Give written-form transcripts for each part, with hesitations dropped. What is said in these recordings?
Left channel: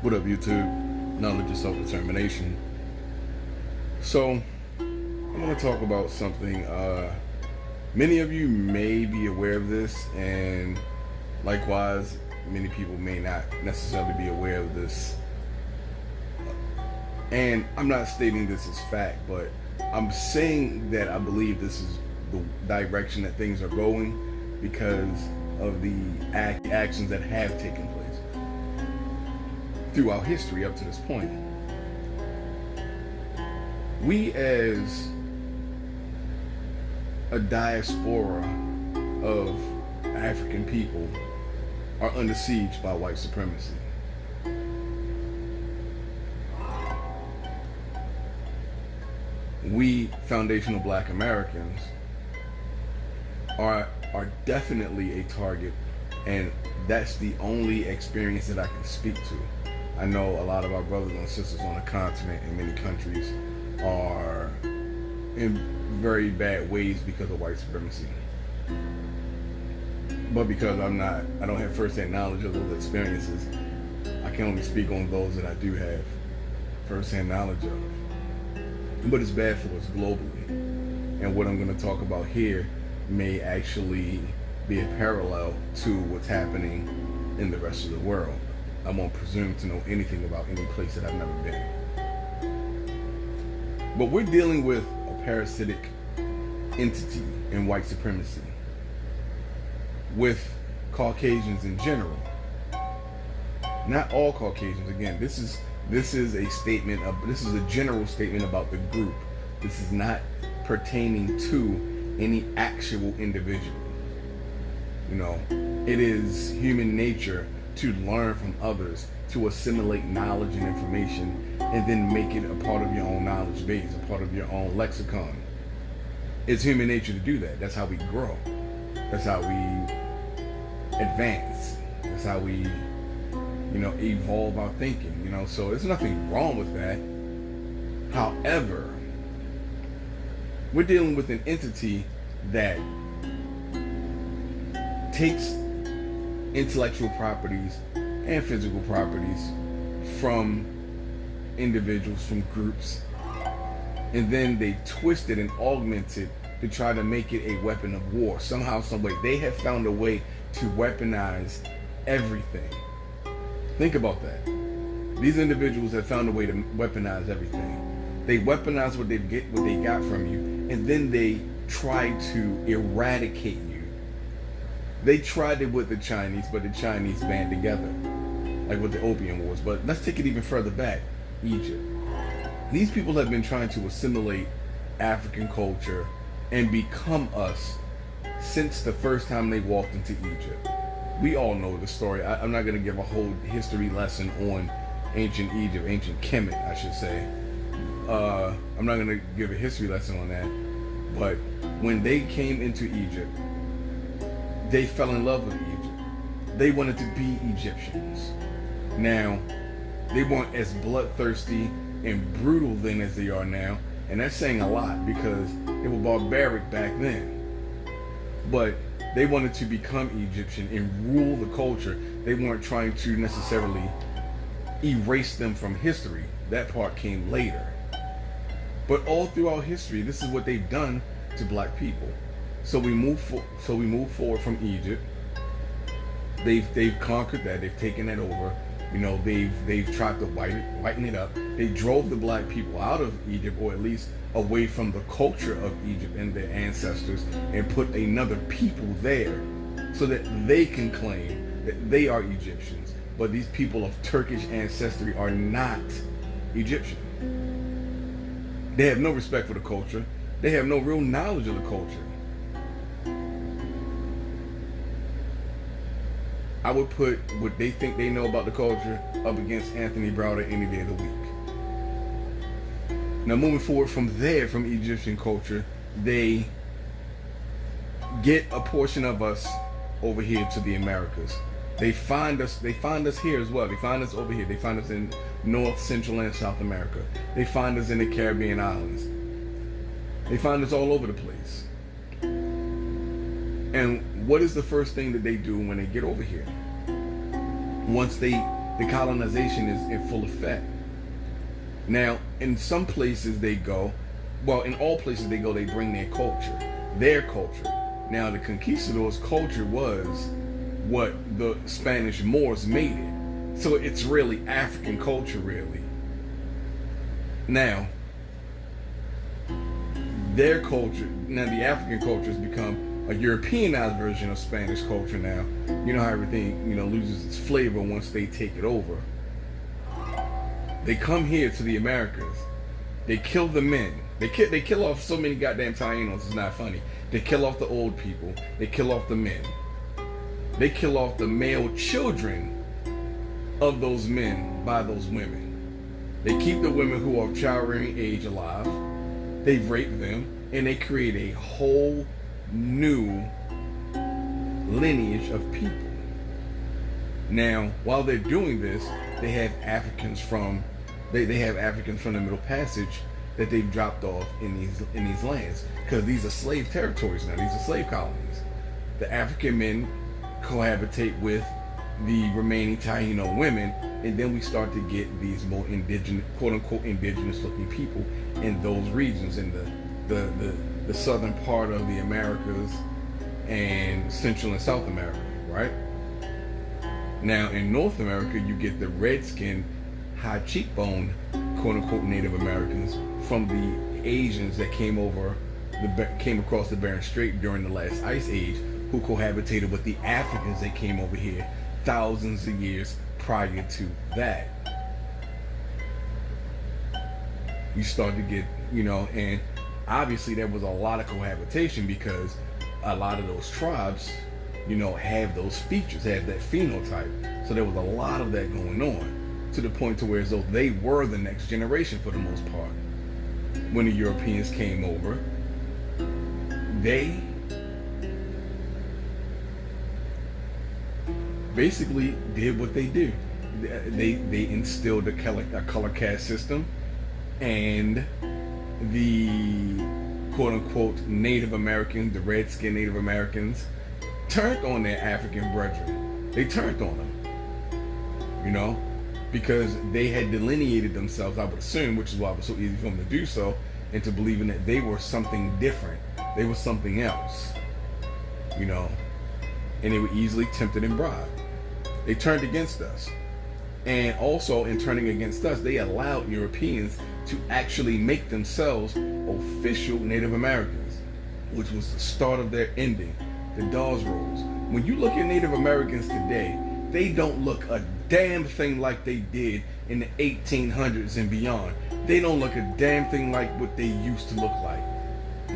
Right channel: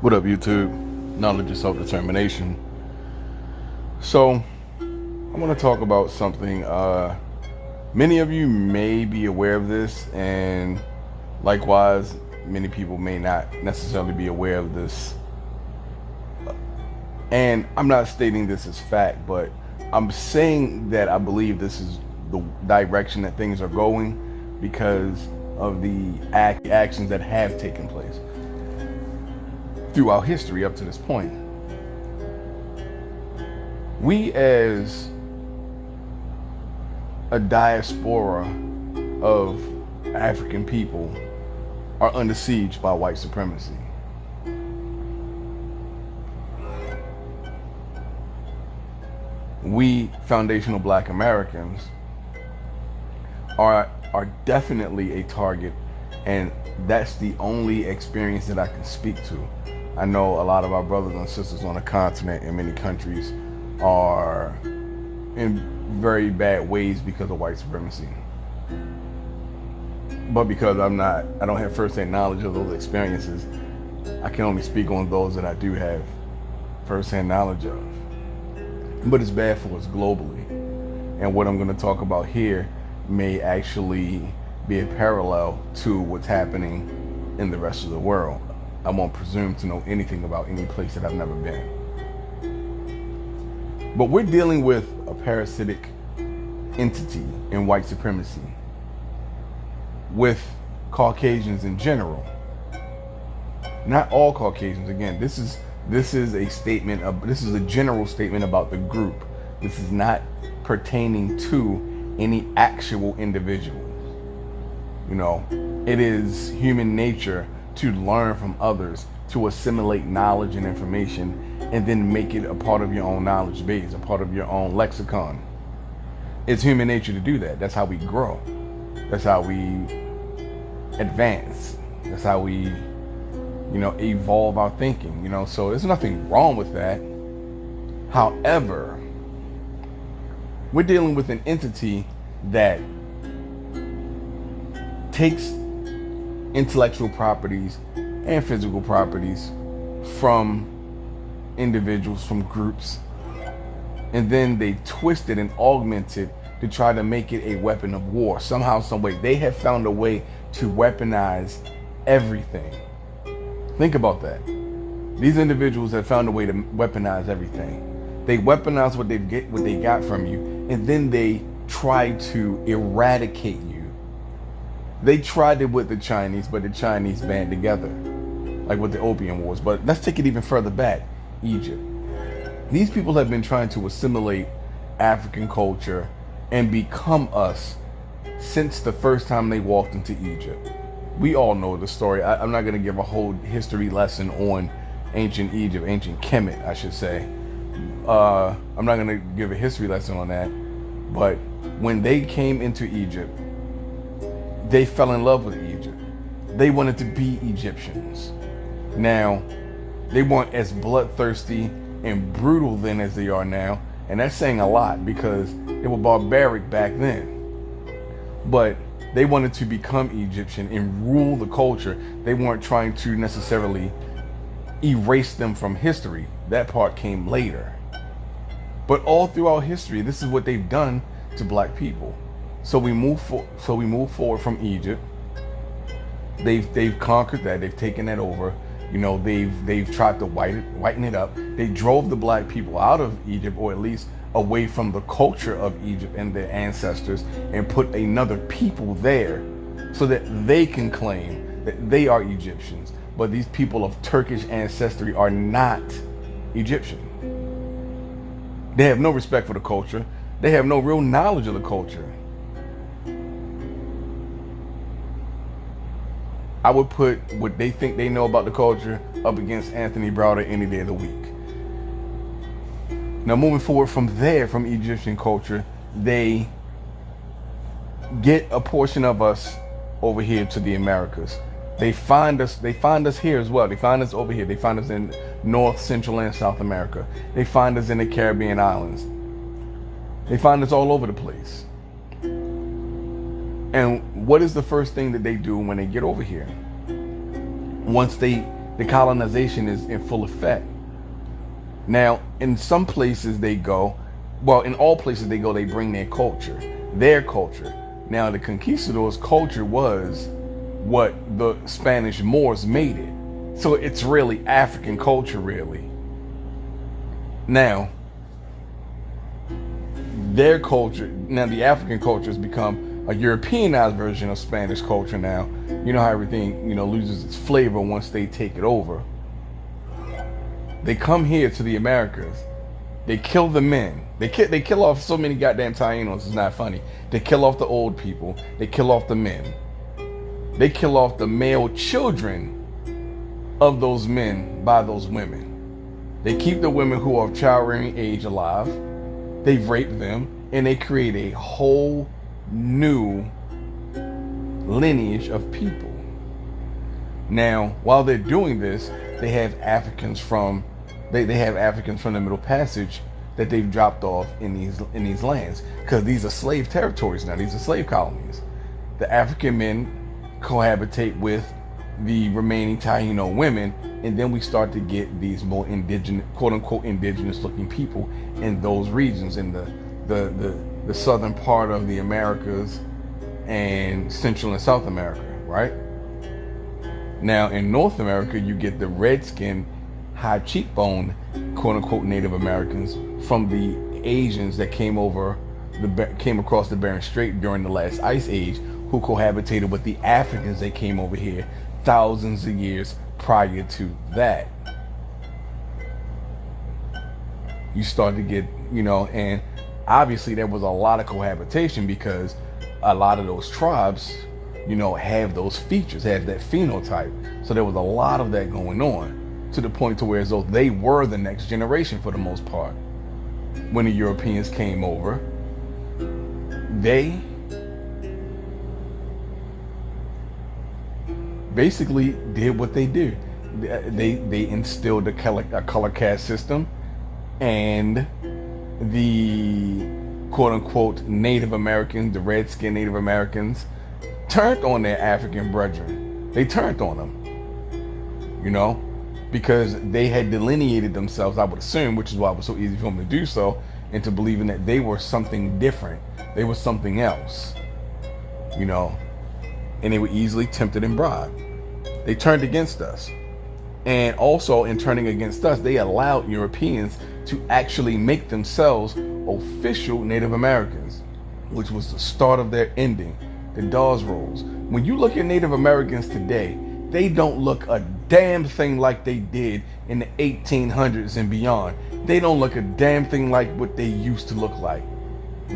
What up, YouTube? Knowledge of self-determination. So, I want to talk about something. Many of you may be aware of this, and likewise, many people may not necessarily be aware of this. And I'm not stating this as fact, but I'm saying that I believe this is the direction that things are going because of the actions that have taken place throughout history up to this point. We, as a diaspora of African people, are under siege by white supremacy. We foundational Black Americans are definitely a target, and that's the only experience that I can speak to. I know a lot of our brothers and sisters on the continent in many countries are in very bad ways because of white supremacy. But because I don't have first-hand knowledge of those experiences, I can only speak on those that I do have first-hand knowledge of. But it's bad for us globally. And what I'm going to talk about here may actually be a parallel to what's happening in the rest of the world. I won't presume to know anything about any place that I've never been. But we're dealing with a parasitic entity in white supremacy with Caucasians in general. Not all Caucasians. Again, this is a statement of, this is a general statement about the group. This is not pertaining to any actual individual. You know, it is human nature to learn from others, to assimilate knowledge and information, and then make it a part of your own knowledge base, a part of your own lexicon. It's human nature to do that. That's how we grow. That's how we advance. That's how we, evolve our thinking, so there's nothing wrong with that. However, we're dealing with an entity that takes intellectual properties and physical properties from individuals, from groups, and then they twist it and augment it to try to make it a weapon of war. Somehow, some way, they have found a way to weaponize everything. Think about that. These individuals have found a way to weaponize everything. They weaponize what they got from you, and then they try to eradicate you. They tried it with the Chinese, but the Chinese band together, like with the Opium Wars. But let's take it even further back, Egypt. These people have been trying to assimilate African culture and become us since the first time they walked into Egypt. We all know the story. I'm not going to give a whole history lesson on ancient Egypt, ancient Kemet, I should say. I'm not going to give a history lesson on that. But when they came into Egypt, they fell in love with Egypt. They wanted to be Egyptians. Now, they weren't as bloodthirsty and brutal then as they are now. And that's saying a lot because they were barbaric back then. But they wanted to become Egyptian and rule the culture. They weren't trying to necessarily erase them from history. That part came later. But all throughout history, this is what they've done to Black people. So we move forward from Egypt. They've conquered that. They've taken that over. They've tried to whiten it up. They drove the Black people out of Egypt, or at least away from the culture of Egypt and their ancestors, and put another people there so that they can claim that they are Egyptians. But these people of Turkish ancestry are not Egyptian. They have no respect for the culture. They have no real knowledge of the culture. I would put what they think they know about the culture up against Anthony Browder any day of the week. Now, moving forward from there, from Egyptian culture, they get a portion of us over here to the Americas. They find us here as well. They find us over here. They find us in North, Central, and South America. They find us in the Caribbean islands. They find us all over the place. And what is the first thing that they do when they get over here? Once they The colonization is in full effect. Now, in some places they go, well, in all places they go, they bring their culture. Their culture. Now, the conquistadors' culture was what the Spanish Moors made it. So it's really African culture, really. Now, their culture, now the African culture has become a Europeanized version of Spanish culture now. You know how everything, loses its flavor once they take it over. They come here to the Americas. They kill the men. They kill off so many goddamn Tainos, it's not funny. They kill off the old people. They kill off the men. They kill off the male children of those men by those women. They keep the women who are of childbearing age alive. They rape them, and they create a whole new lineage of people. Now, while they're doing this, they have Africans from the Middle Passage that they've dropped off in these lands, because these are slave territories now. These are slave colonies. The African men cohabitate with the remaining Taino women, and then we start to get these more indigenous, quote-unquote indigenous-looking people in those regions, in the southern part of the Americas and Central and South America, right? Now, in North America, you get the red-skinned, high cheekbone, quote-unquote Native Americans from the Asians that came across the Bering Strait during the last ice age, who cohabitated with the Africans that came over here thousands of years prior to that. You start to get, and obviously there was a lot of cohabitation, because a lot of those tribes, have those features, have that phenotype. So there was a lot of that going on, to the point to where as though they were the next generation for the most part. When the Europeans came over, they basically did what they did. They instilled a color caste system, and the quote-unquote Native Americans, the red-skinned Native Americans, turned on their African brethren. They turned on them, because they had delineated themselves, I would assume, which is why it was so easy for them to do so, into believing that they were something different. They were something else, and they were easily tempted and bribed. They turned against us. And also, in turning against us, they allowed Europeans to actually make themselves official Native Americans, which was the start of their ending, the Dawes Rolls. When you look at Native Americans today, they don't look a damn thing like they did in the 1800s and beyond. They don't look a damn thing like what they used to look like.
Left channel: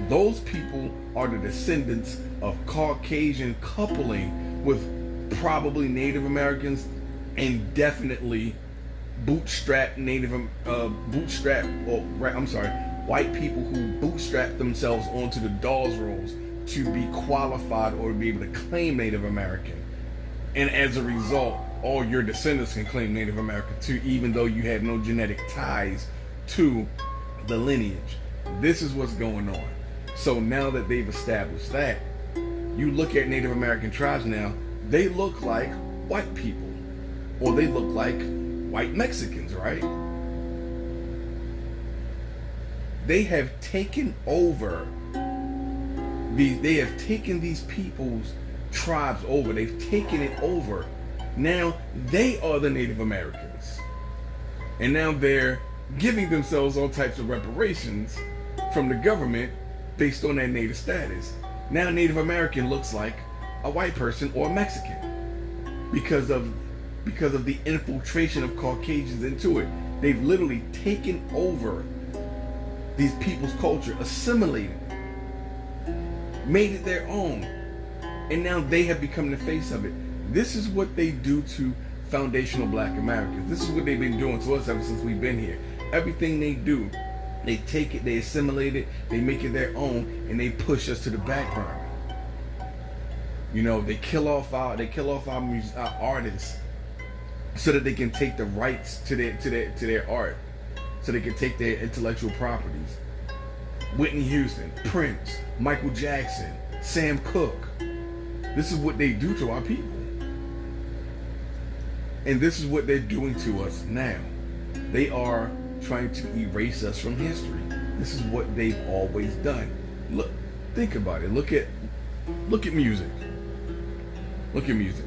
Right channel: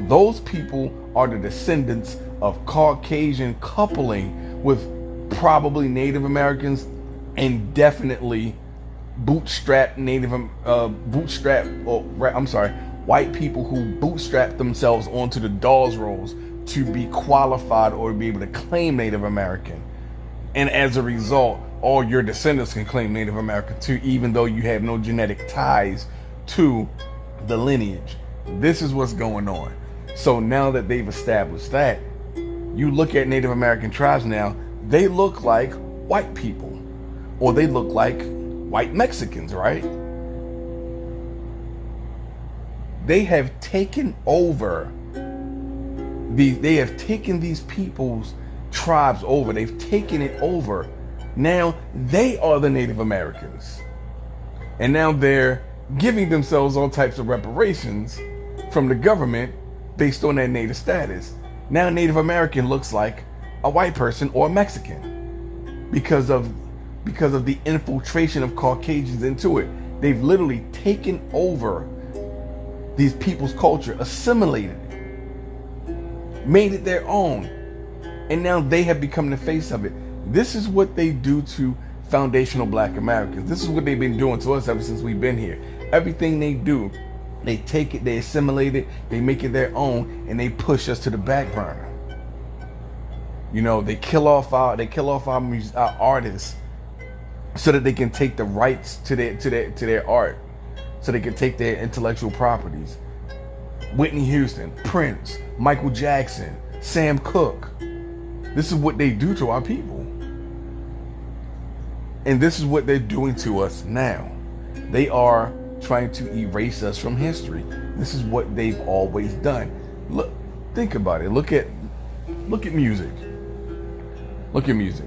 Those people are the descendants of Caucasian coupling with probably Native Americans, and definitely white people who bootstrap themselves onto the Dawes Rolls to be qualified or to be able to claim Native American. And as a result, all your descendants can claim Native American too, even though you have no genetic ties to the lineage. This is what's going on. So now that they've established that, you look at Native American tribes now, they look like white people, or they look like white Mexicans, right? They have taken over they have taken these people's tribes over. They've taken it over. Now they are the Native Americans. And now they're giving themselves all types of reparations from the government based on their native status. Now Native American looks like a white person or a Mexican because of the infiltration of Caucasians into it. They've literally taken over these people's culture, assimilated it, made it their own, and now they have become the face of it. This is what they do to foundational Black Americans. This is what they've been doing to us ever since we've been here. Everything they do, they take it, they assimilate it, they make it their own, and they push us to the back burner. They kill off our artists so that they can take the rights to their art, so they can take their intellectual properties. Whitney Houston, Prince, Michael Jackson, Sam Cooke. This is what they do to our people. And this is what they're doing to us now. They are trying to erase us from history. This is what they've always done. Look, think about it. Look at music. Look at music.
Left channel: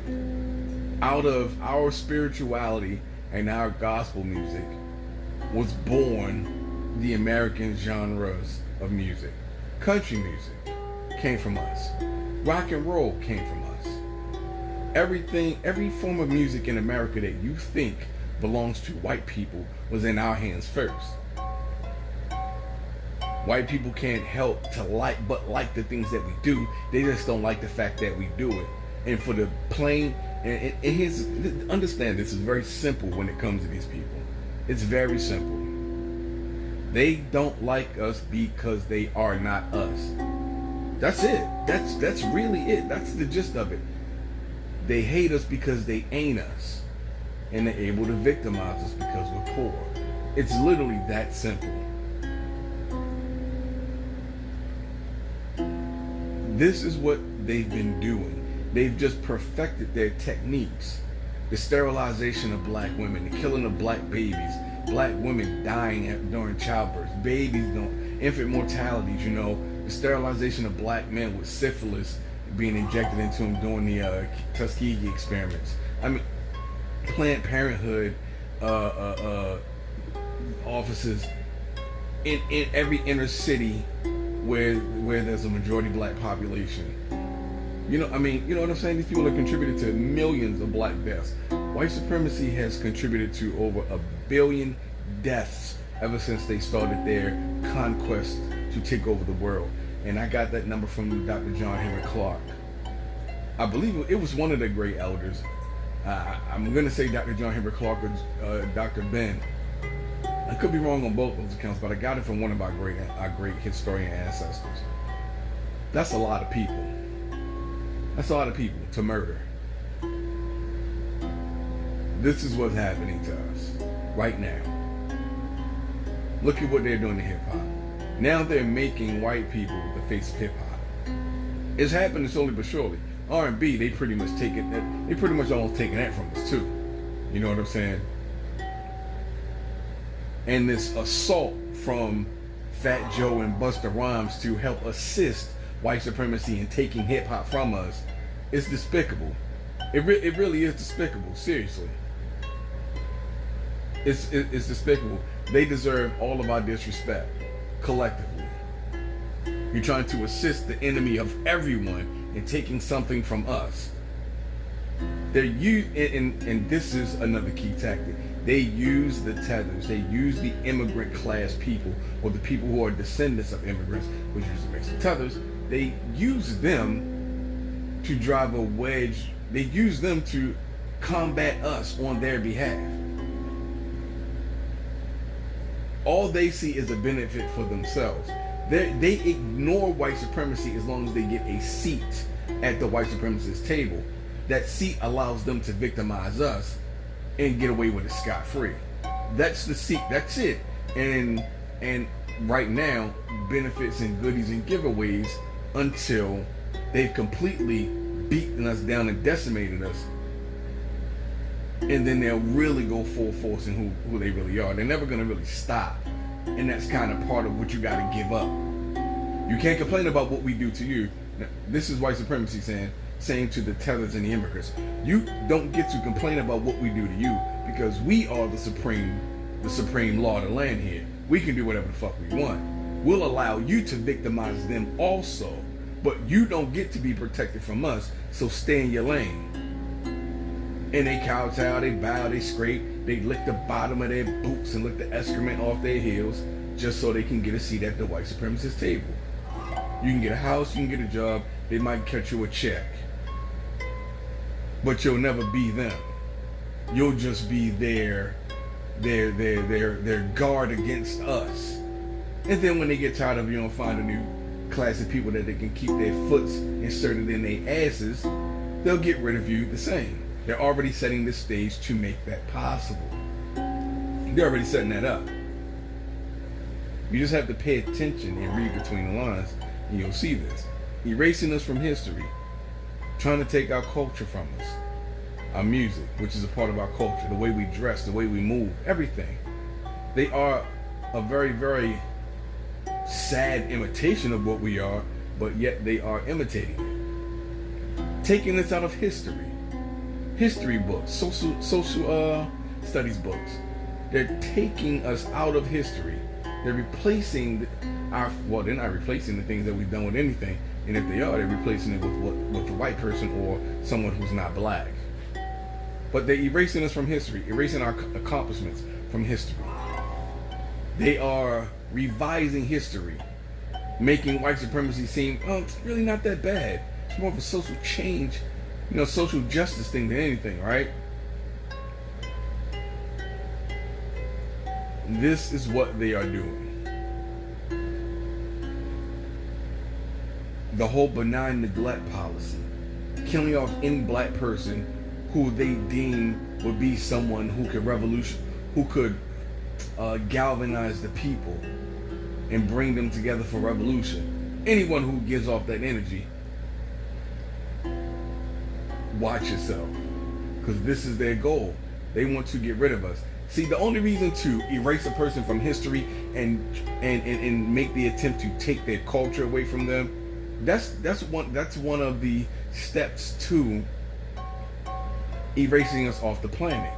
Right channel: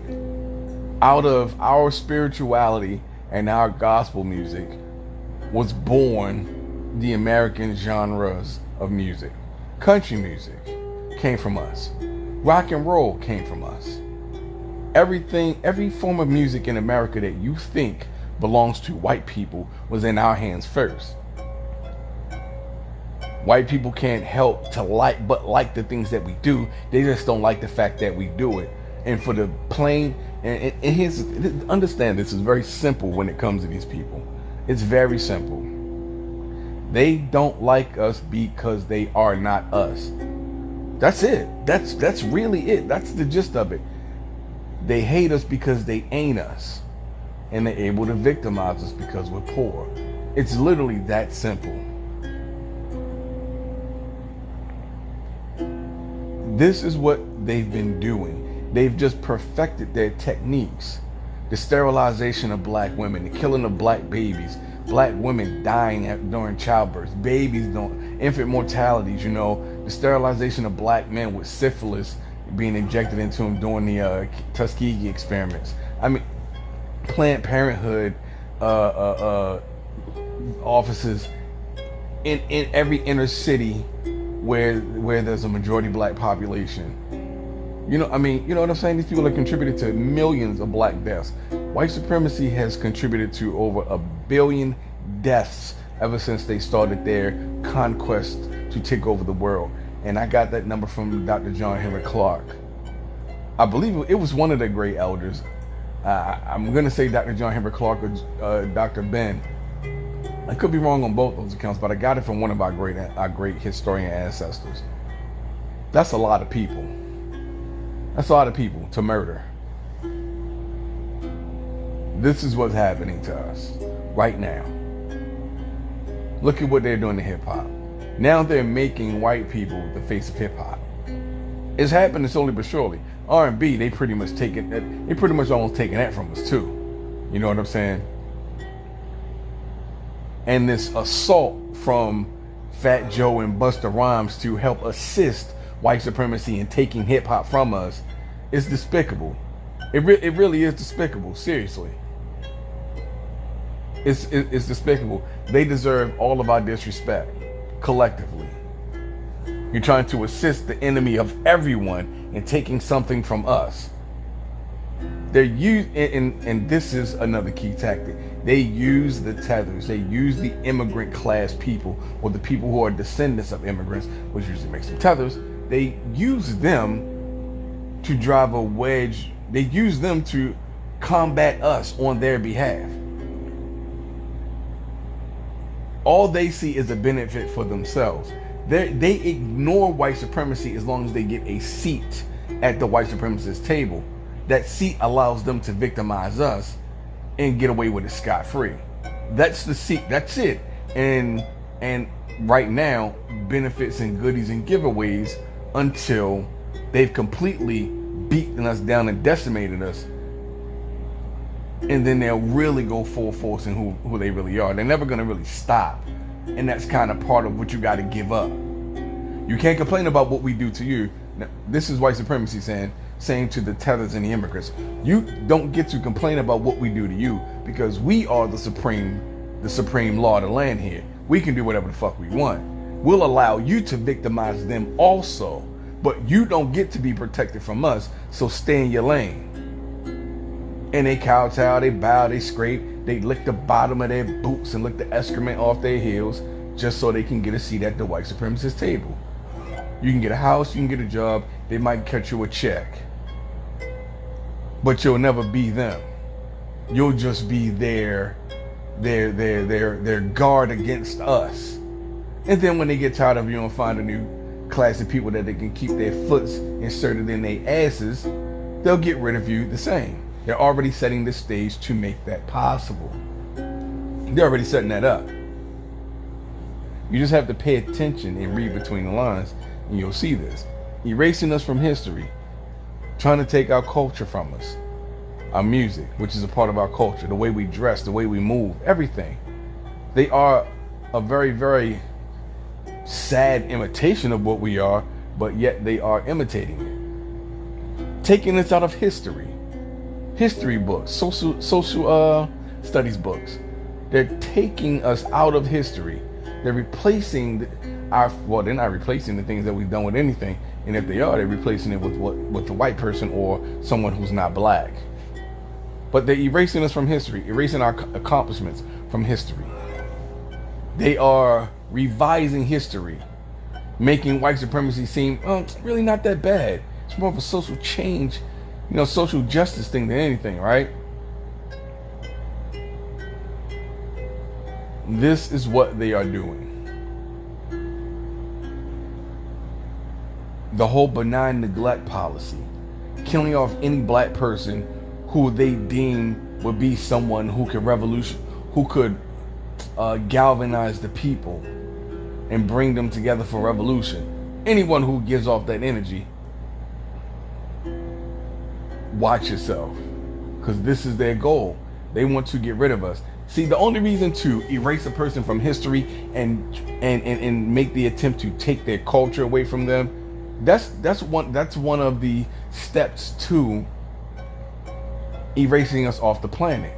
Out of our spirituality and our gospel music was born the American genres of music. Country music came from us. Rock and roll came from us. Everything, every form of music in America that you think belongs to white people was in our hands first. White people can't help to like the things that we do. They just don't like the fact that we do it. And for the plain, and here's, understand this is very simple when it comes to these people. It's very simple. They don't like us because they are not us. That's it. That's really it. That's the gist of it. They hate us because they ain't us. And they're able to victimize us because we're poor. It's literally that simple. This is what they've been doing. They've just perfected their techniques. The sterilization of black women, the killing of black babies, black women dying during childbirth, babies don't, infant mortalities, the sterilization of black men with syphilis being injected into them during the Tuskegee experiments. I mean, Planned Parenthood offices in every inner city where there's a majority black population. You know what I'm saying? These people have contributed to millions of black deaths. White supremacy has contributed to over 1 billion deaths ever since they started their conquest to take over the world. And I got that number from Dr. John Henrik Clarke. I believe it was one of the great elders. I'm going to say Dr. John Henrik Clarke or Dr. Ben. I could be wrong on both those accounts, but I got it from one of our great historian ancestors. That's a lot of people. That's a lot of people to murder. This is what's happening to us right now. Look at what they're doing to hip hop. Now they're making white people the face of hip hop. It's happening slowly but surely. R&B, they pretty much almost taking that from us too. You know what I'm saying? And this assault from Fat Joe and Busta Rhymes to help assist white supremacy in taking hip hop from us is despicable. It really is despicable. Seriously, it's despicable. They deserve all of our disrespect collectively. You're trying to assist the enemy of everyone in taking something from us. And this is another key tactic. They use the tethers. They use the immigrant class people, or the people who are descendants of immigrants, which usually makes them tethers. They use them to drive a wedge. They use them to combat us on their behalf. All they see is a benefit for themselves. They ignore white supremacy as long as they get a seat at the white supremacist table. That seat allows them to victimize us and get away with it scot-free. That's the seat. That's it. And right now, benefits and goodies and giveaways until they've completely beaten us down and decimated us. And then they'll really go full force in who they really are. They're never going to really stop. And that's kind of part of what you got to give up. You can't complain about what we do to you. Now, this is white supremacy saying to the tethers and the immigrants, you don't get to complain about what we do to you, because we are the supreme law of the land here. We can do whatever the fuck we want. We'll allow you to victimize them also, but you don't get to be protected from us, so stay in your lane. And they kowtow, they bow, they scrape, they lick the bottom of their boots and lick the excrement off their heels just so they can get a seat at the white supremacist table. You can get a house, you can get a job, they might cut you a check. But you'll never be them. You'll just be their guard against us. And then when they get tired of you and find a new class of people that they can keep their foots inserted in their asses, they'll get rid of you the same. They're already setting the stage to make that possible. They're already setting that up. You just have to pay attention and read between the lines, and you'll see this. Erasing us from history, trying to take our culture from us, our music, which is a part of our culture, the way we dress, the way we move, everything. They are a very, very sad imitation of what we are, but yet they are imitating it. Taking this out of history books, social studies books. They're taking us out of history. They're replacing they're not replacing the things that we've done with anything, and if they are, they're replacing it with the white person or someone who's not black. But they're erasing us from history, erasing our accomplishments from history. They are revising history, making white supremacy seem really not that bad. It's more of a social change, social justice thing than anything, right? This is what they are doing. The whole benign neglect policy, killing off any black person who they deem would be someone who could galvanize the people and bring them together for revolution. Anyone who gives off that energy, watch yourself, because this is their goal. They want to get rid of us. See, the only reason to erase a person from history and make the attempt to take their culture away from them, that's one of the steps to erasing us off the planet.